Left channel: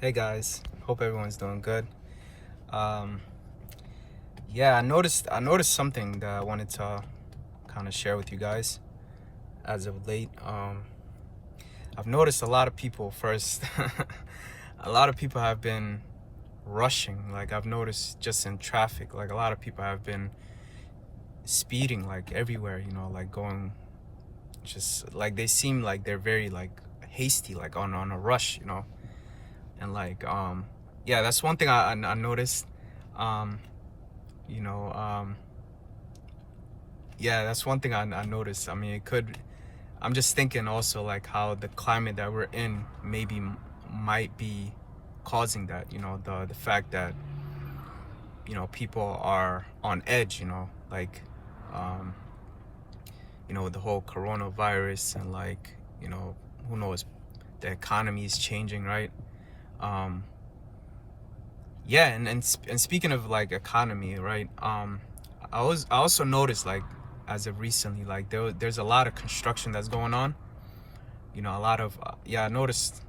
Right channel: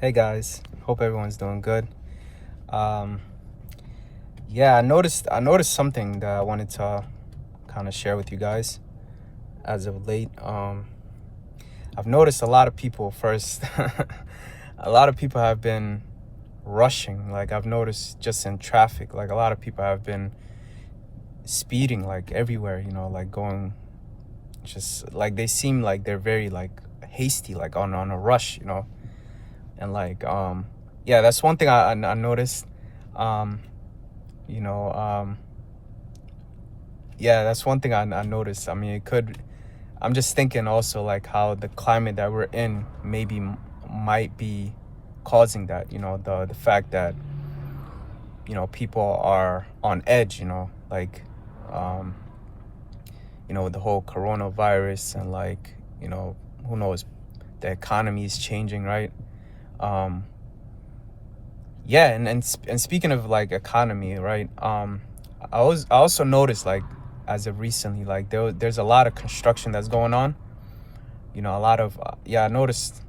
Hey guys, hope everyone's doing good. Um, yeah, I noticed something that I wanted to kind of share with you guys as of late. I've noticed a lot of people first. A lot of people have been rushing. Like I've noticed just in traffic, like a lot of people have been speeding like everywhere. Like going, just like they seem like they're very like hasty, like on a rush. And yeah, that's one thing I noticed. Um, you know um yeah, that's one thing I noticed. I mean, I'm just thinking also like how the climate that we're in maybe might be causing that, the fact that people are on edge, like um with the whole coronavirus, and like who knows, the economy is changing, right? um yeah, and speaking of like economy, right? I also noticed, like, as of recently, like there's a lot of construction that's going on. A lot of yeah, I noticed.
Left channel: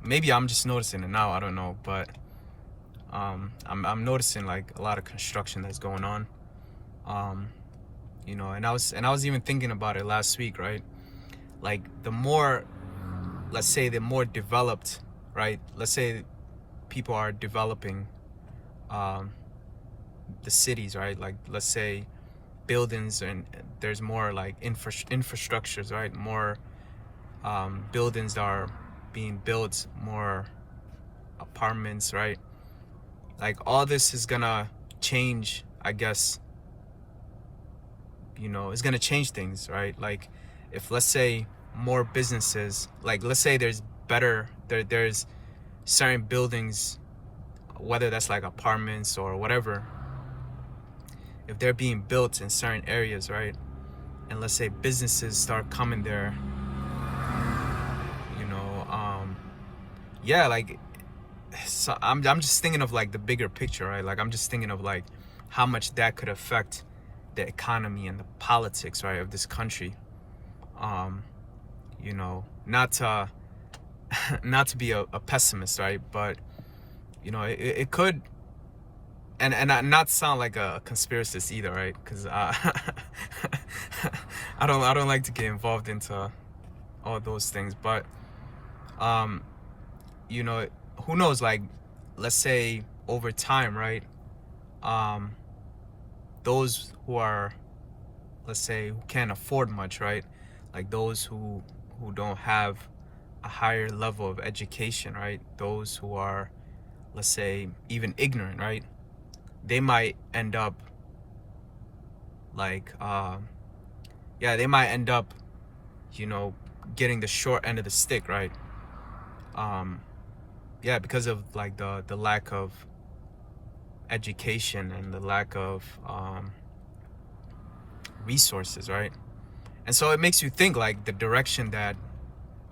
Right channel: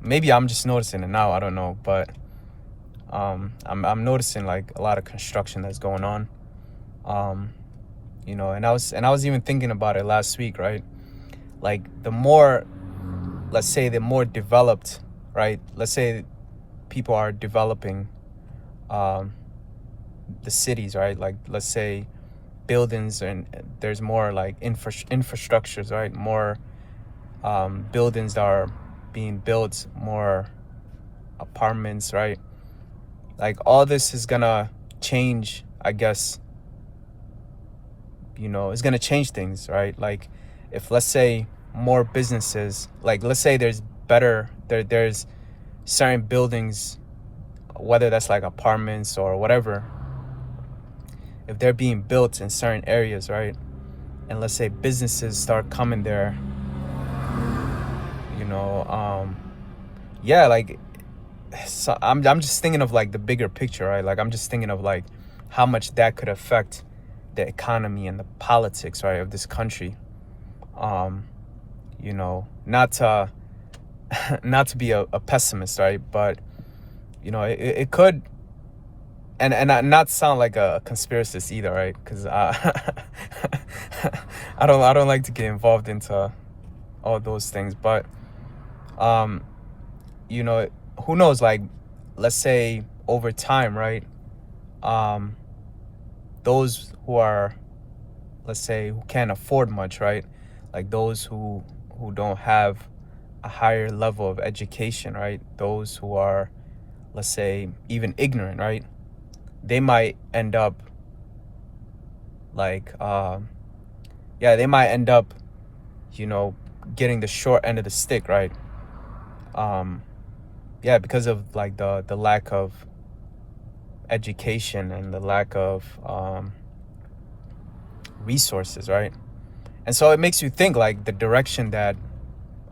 Maybe I'm just noticing it now, I don't know, but I'm noticing like a lot of construction that's going on. um and I was even thinking about it last week, right? Like the more, let's say, the more developed, right? Let's say people are developing um the cities, right? Like, let's say buildings, and there's more like infrastructures, right? More buildings that are being built, more apartments, right? Like all this is gonna change, I guess. It's gonna change things, right? Like, if, let's say, more businesses, like, let's say there's certain buildings, whether that's like apartments or whatever, if they're being built in certain areas, right? And let's say businesses start coming there, you know yeah, like, so I'm just thinking of like the bigger picture, right? Like I'm just thinking of like how much that could affect the economy and the politics, right, of this country. um not to not to be a pessimist, right? But it could, and not sound like a conspiracist either, right? Because I don't like to get involved into all those things. But um you know who knows, like, let's say over time, right? um those who are, let's say, who can't afford much, right? Like those who don't have a higher level of education, right? Those who are, let's say, even ignorant, right? They might end up like yeah, they might end up, you know getting the short end of the stick, right? um yeah, because of like the lack of education and the lack of resources, right? And so it makes you think, like,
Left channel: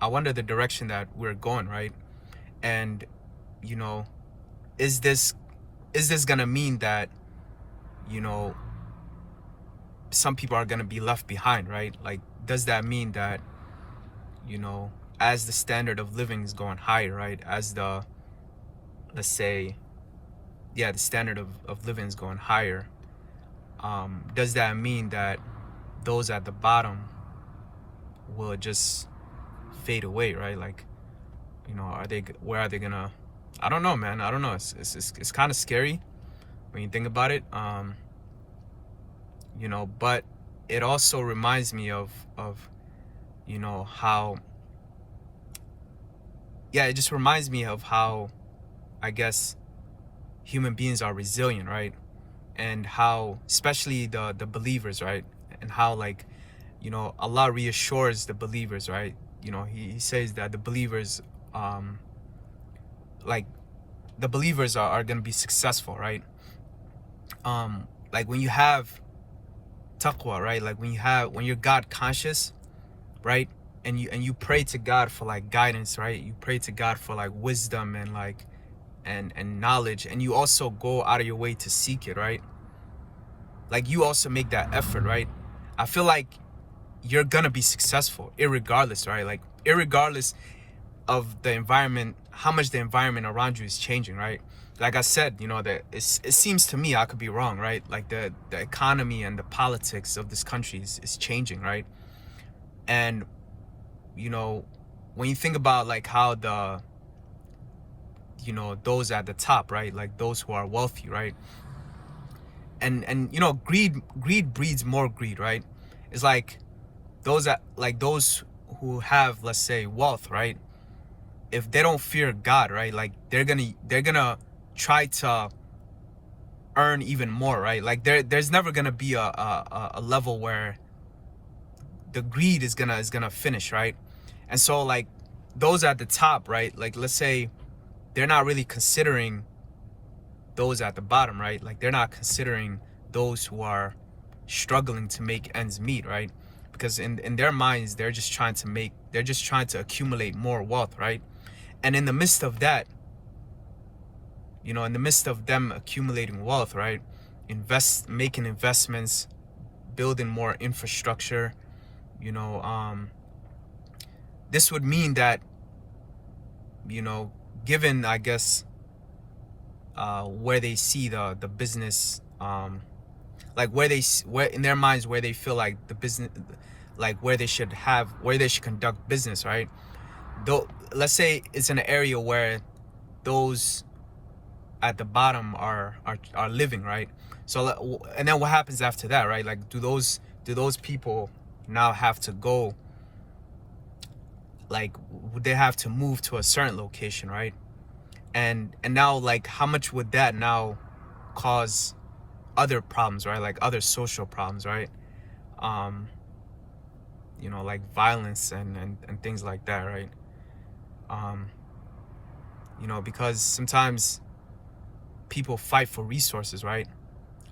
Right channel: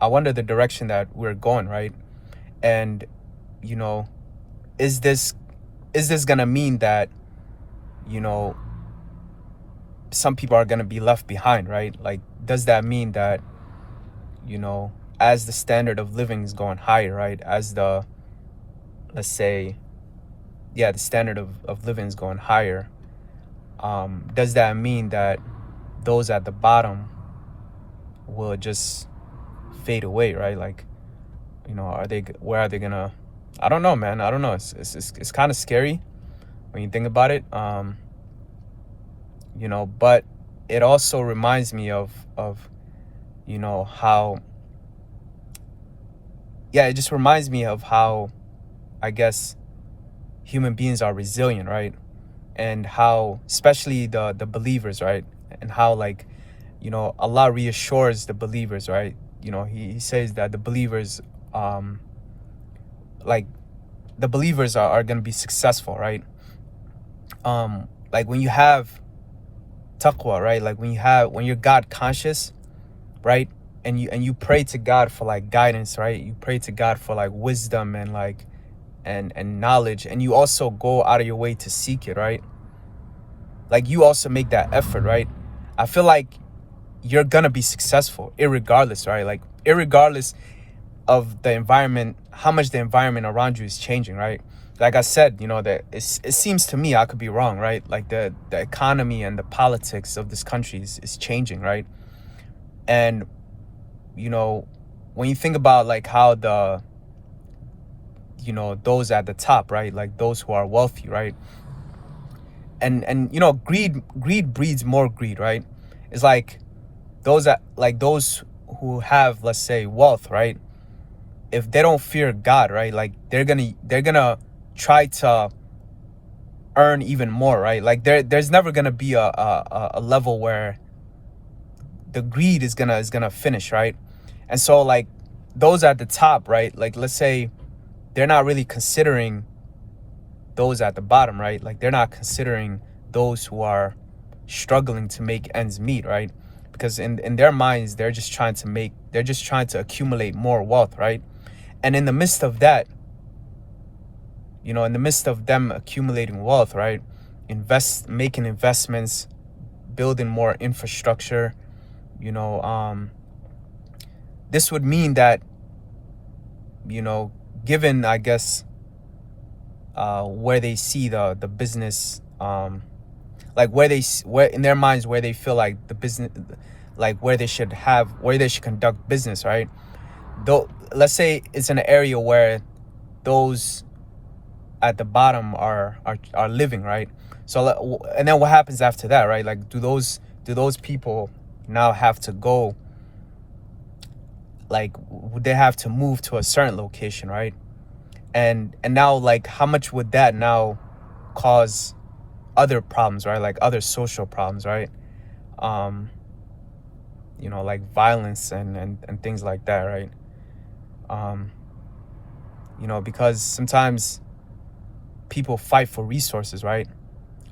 I wonder the direction that we're going, right? And you know is this gonna mean that you know some people are gonna be left behind, right? Like, does that mean that, as the standard of living is going higher, right? As the, let's say, yeah, the standard of living is going higher, does that mean that those at the bottom will just fade away, right? Like, where are they gonna, I don't know, man. I don't know. It's kind of scary when you think about it. But it also reminds me of how, yeah, it just reminds me of how, I guess, human beings are resilient, right? And how, especially the believers, right? And how, like, Allah reassures the believers, right? He says that the believers, like, the believers are going to be successful, right? Like when you have taqwa, right? Like when you're God conscious, right? And you pray to God for like guidance, right? You pray to God for like wisdom and like and knowledge, and you also go out of your way to seek it, right? Like you also make that effort, right? I feel like you're gonna be successful irregardless, right? Like irregardless of the environment, how much the environment around you is changing, right? Like I said, you know, that it seems to me, I could be wrong, right? Like the economy and the politics of this country is changing, right? And, you know, when you think about like how the, you know, those at the top, right? Like those who are wealthy, right? And you know, greed breeds more greed, right? It's like those who have, let's say, wealth, right? If they don't fear God, right? Like they're gonna try to earn even more, right? Like there's never gonna be a level where the greed is gonna finish, right? And so like those at the top, right? Like let's say they're not really considering those at the bottom, right? Like they're not considering those who are struggling to make ends meet, right? Because in their minds, they're just trying to accumulate more wealth, right? And in the midst of that, you know, in the midst of them accumulating wealth, right? Making investments, building more infrastructure, you know, this would mean that, you know, given, I guess, where they see the business, like where in their minds where they feel like the business, like where they should conduct business, right? Though let's say it's an area where those at the bottom are living, right? So and then what happens after that, right? Like do those people now have to go, like would they have to move to a certain location, right? And now, like, how much would that now cause other problems, right? Like other social problems, right? You know, like violence and things like that, right? You know, because sometimes people fight for resources, right?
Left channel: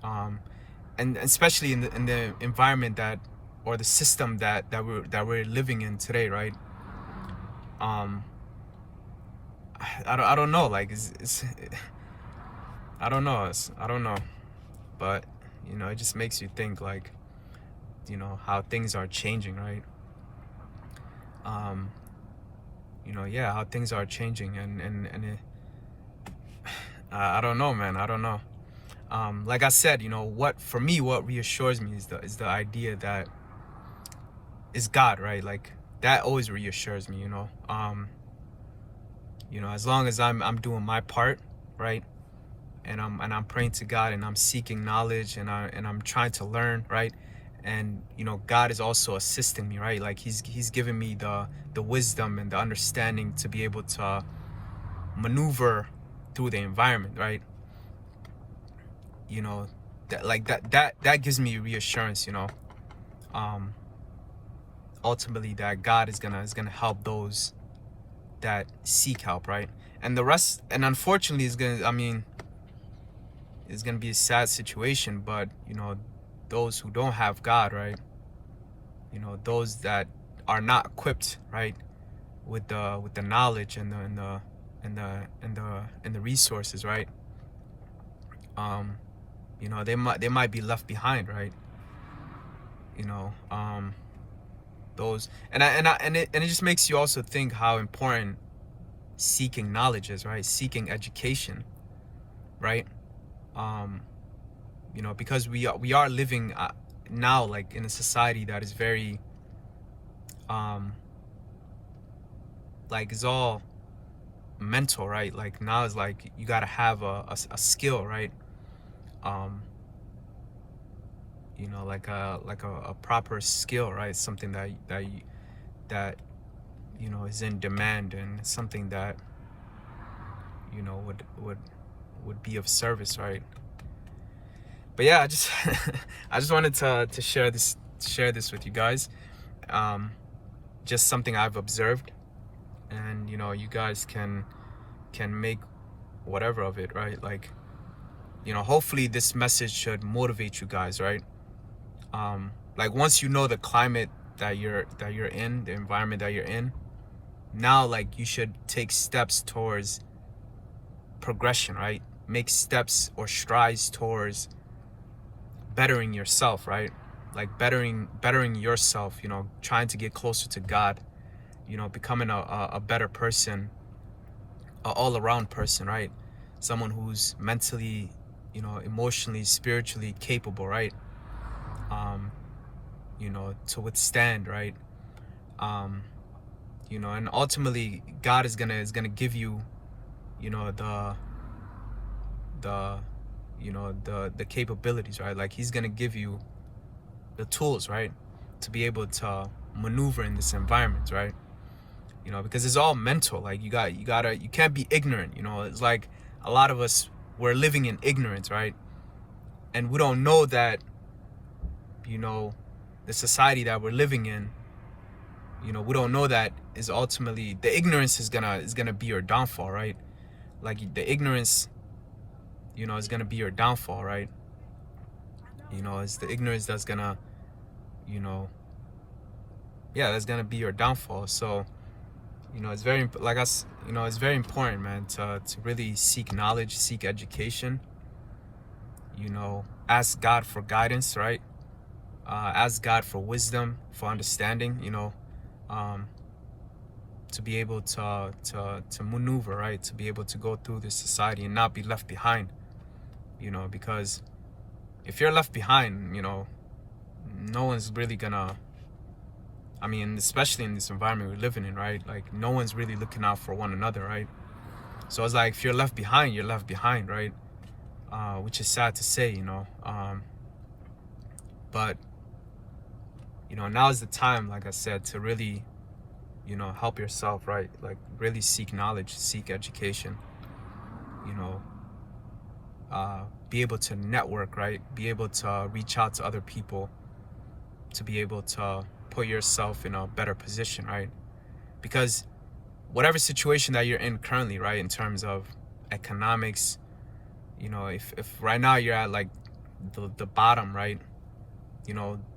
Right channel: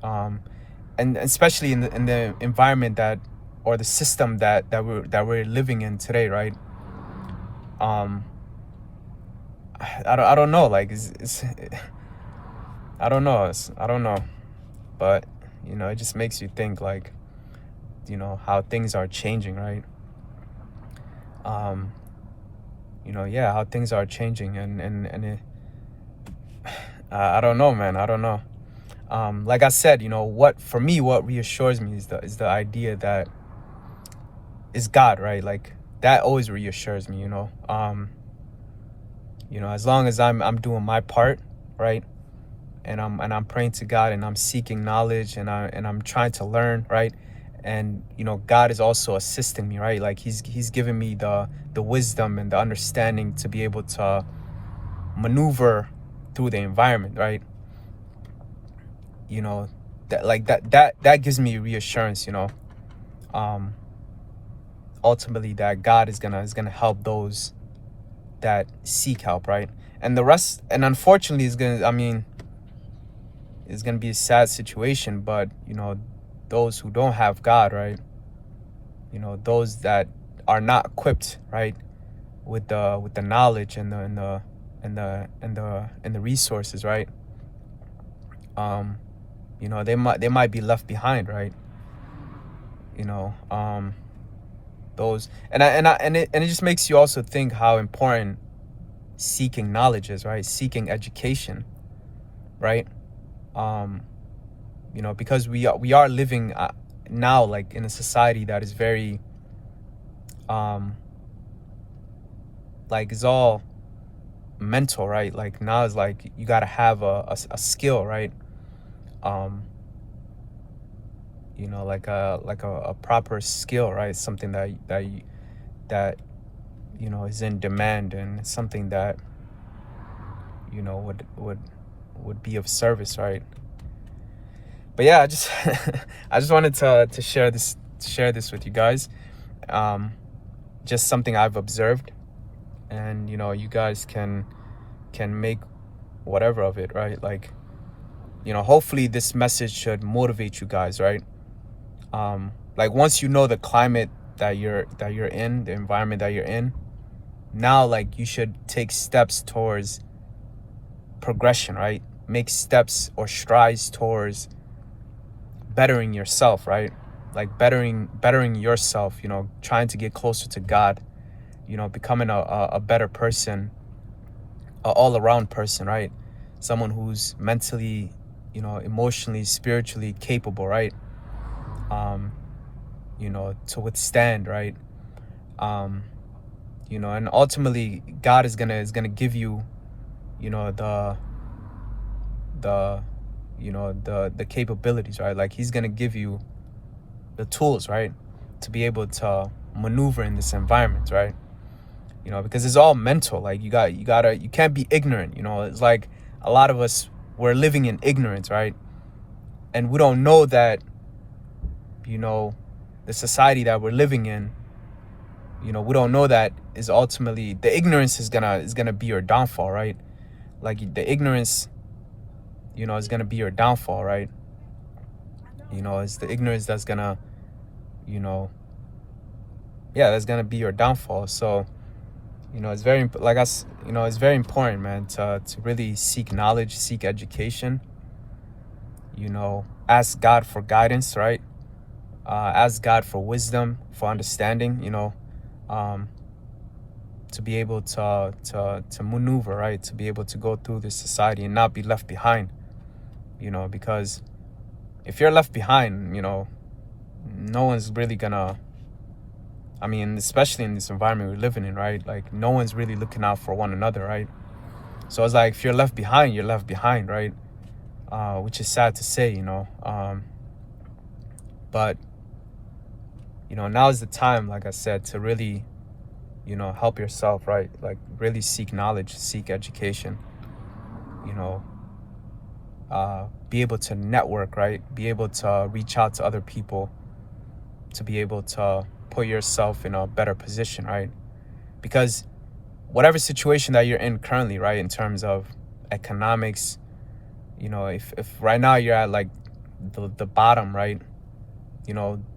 And especially in the environment that, or the system that we're living in today, right? I don't know, like it's I don't know, but you know, it just makes you think, like, you know, how things are changing, right? You know, yeah, how things are changing, and it, I don't know, man, I don't know. Like I said, you know, what reassures me is the idea that is God, right? Like that always reassures me, you know. You know, as long as I'm doing my part, right? And I'm praying to God, and I'm seeking knowledge, and I'm trying to learn, right? And you know, God is also assisting me, right? Like he's giving me the wisdom and the understanding to be able to maneuver through the environment, right? You know, that gives me reassurance, you know. Ultimately that God is gonna help those that seek help, right? And the rest, and unfortunately it's gonna be a sad situation, but you know, those who don't have God, right? You know, those that are not equipped, right, with the knowledge and the resources, right? You know, they might be left behind, right? You know, those and it just makes you also think how important seeking knowledge is, right? Seeking education, right? You know, because we are living now, like in a society that is very like it's all mental, right? Like now it's like you got to have a skill, right? You know, like a proper skill, right? Something that you know is in demand, and something that, you know, would be of service, right? But yeah, I just I just wanted to share this with you guys. Just something I've observed, and you know, you guys can make whatever of it, right? Like, you know, hopefully this message should motivate you guys, right? Like once you know the climate that you're in, the environment that you're in, now like you should take steps towards progression, right? Make steps or strides towards bettering yourself, right? Like bettering yourself, you know, trying to get closer to God, you know, becoming a better person, a all-around person, right? Someone who's mentally, emotionally, spiritually capable, right? um to withstand, right? um and ultimately God is gonna give you, the the the capabilities, right? Like he's gonna give you the tools, right, to be able to maneuver in this environment, right? Because it's all mental. Like you can't be ignorant. It's like a lot of us, we're living in ignorance, right? And we don't know that, you know the society that we're living in, we don't know that is ultimately, the ignorance is gonna be your downfall, right? Like the ignorance, is gonna be your downfall, right? It's the ignorance that's gonna, you know yeah, that's gonna be your downfall. So, it's it's very important, man, to really seek knowledge, seek education. Ask God for guidance, right? Ask God for wisdom, for understanding. Um, to be able to maneuver, right? To be able to go through this society and not be left behind. Because if you're left behind, no one's really gonna. I mean, especially in this environment we're living in, right? Like no one's really looking out for one another, right? So it's like if you're left behind, you're left behind, right? Which is sad to say, but now is the time, like I said, to really, help yourself, right? Like really seek knowledge, seek education, you know, be able to network, right? Be able to reach out to other people, to be able to put yourself in a better position, right? Because whatever situation that you're in currently, right, in terms of economics, if right now you're at like the bottom, right,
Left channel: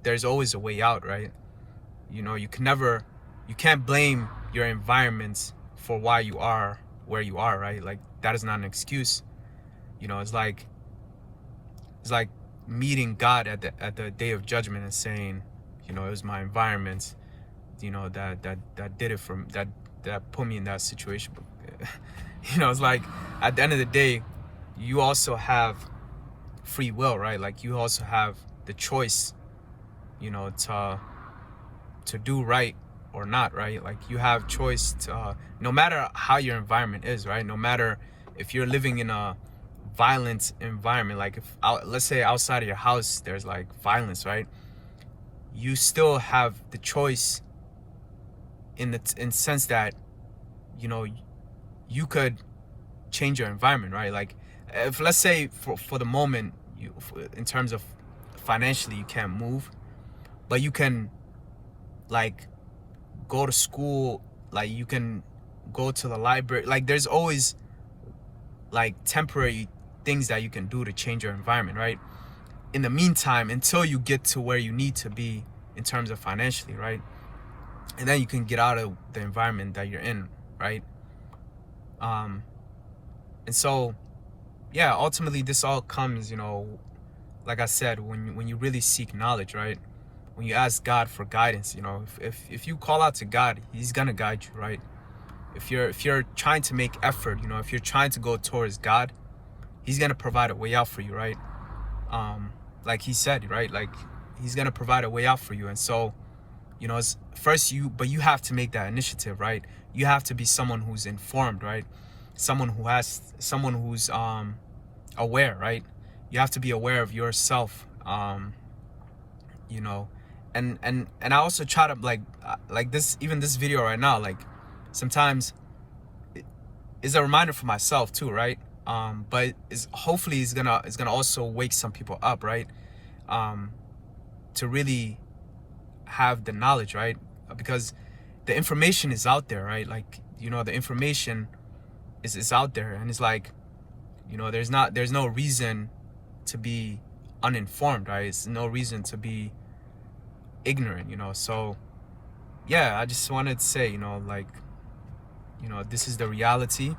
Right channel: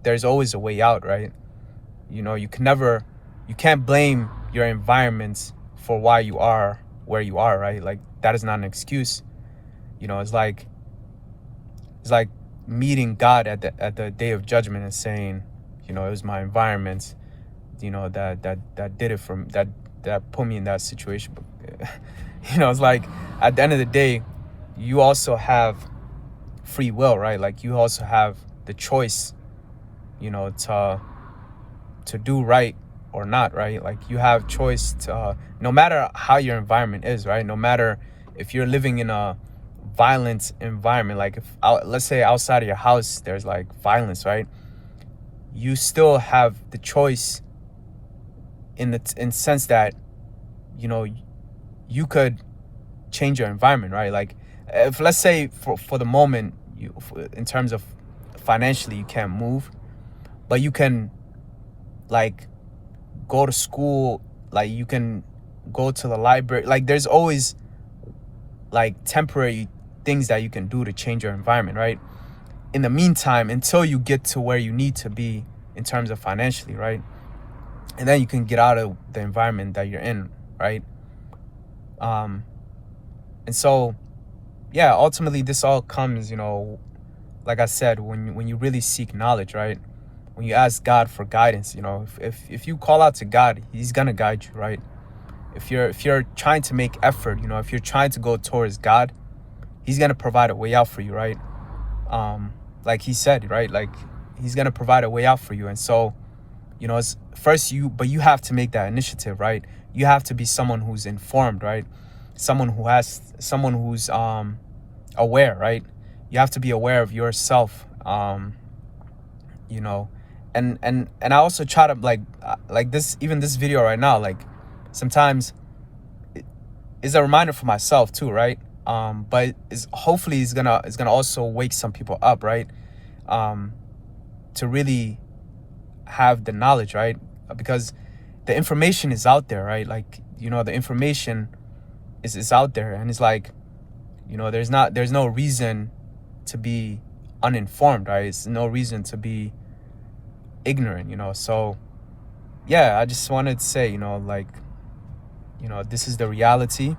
there's always a way out, right? You can't blame your environment for why you are where you are, right? Like that is not an excuse. It's like meeting God at the day of judgment and saying, it was my environment, that did it that put me in that situation. But it's like at the end of the day, you also have free will, right? Like you also have the choice, to do right or not, right? Like you have choice to, no matter how your environment is, right? No matter if you're living in a violent environment, like if let's say outside of your house there's like violence, right? You still have the choice in sense that, you could change your environment, right? Like if let's say for the moment, in terms of financially you can't move, but you can like go to school, like you can go to the library. Like there's always like temporary things that you can do to change your environment, right? In the meantime, until you get to where you need to be in terms of financially, right? And then you can get out of the environment that you're in, right? And so, yeah, ultimately this all comes, like I said, when you really seek knowledge, right? When you ask God for guidance, if you call out to God, he's gonna guide you, right? If you're trying to make effort, if you're trying to go towards God, he's gonna provide a way out for you, right? Like he said, right? Like he's gonna provide a way out for you. And so, it's first but you have to make that initiative, right? You have to be someone who's informed, right? Someone who's aware, right? You have to be aware of yourself, you know and I also try to like this, even this video right now, like sometimes it is a reminder for myself too, right? But is hopefully it's gonna also wake some people up, right? To really have the knowledge, right? Because the information is out there, right? Like, the information is out there, and it's like, there's no reason to be uninformed, right? It's no reason to be ignorant, so yeah, I just wanted to say, like, this is the reality.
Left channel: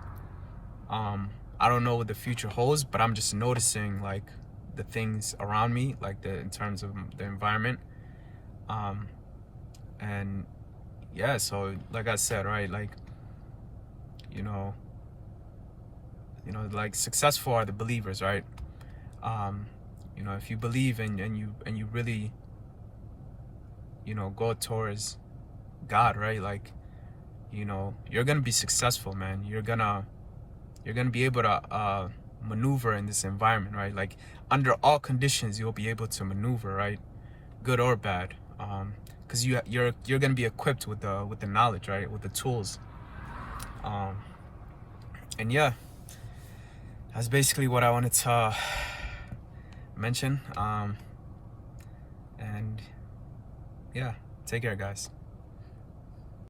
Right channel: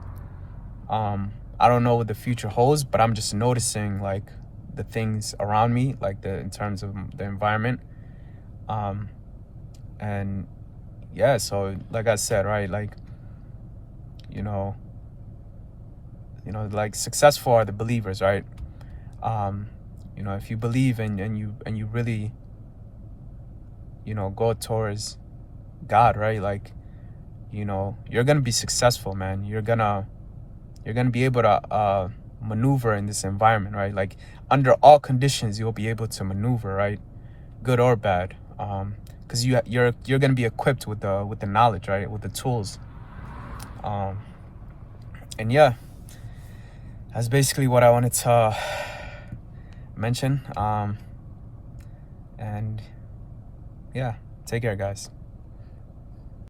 I don't know what the future holds, but I'm just noticing like the things around me, like in terms of the environment. And yeah, so like I said, right, like, you know You know, like successful are the believers, right? You know, if you believe and you really, you know, go towards God, right? Like, you know, you're gonna be successful, man. You're gonna be able to maneuver in this environment, right? Like under all conditions, you'll be able to maneuver, right? Good or bad, because you're gonna be equipped with the knowledge, right? With the tools, um, and yeah, that's basically what I wanted to mention. And yeah, take care, guys.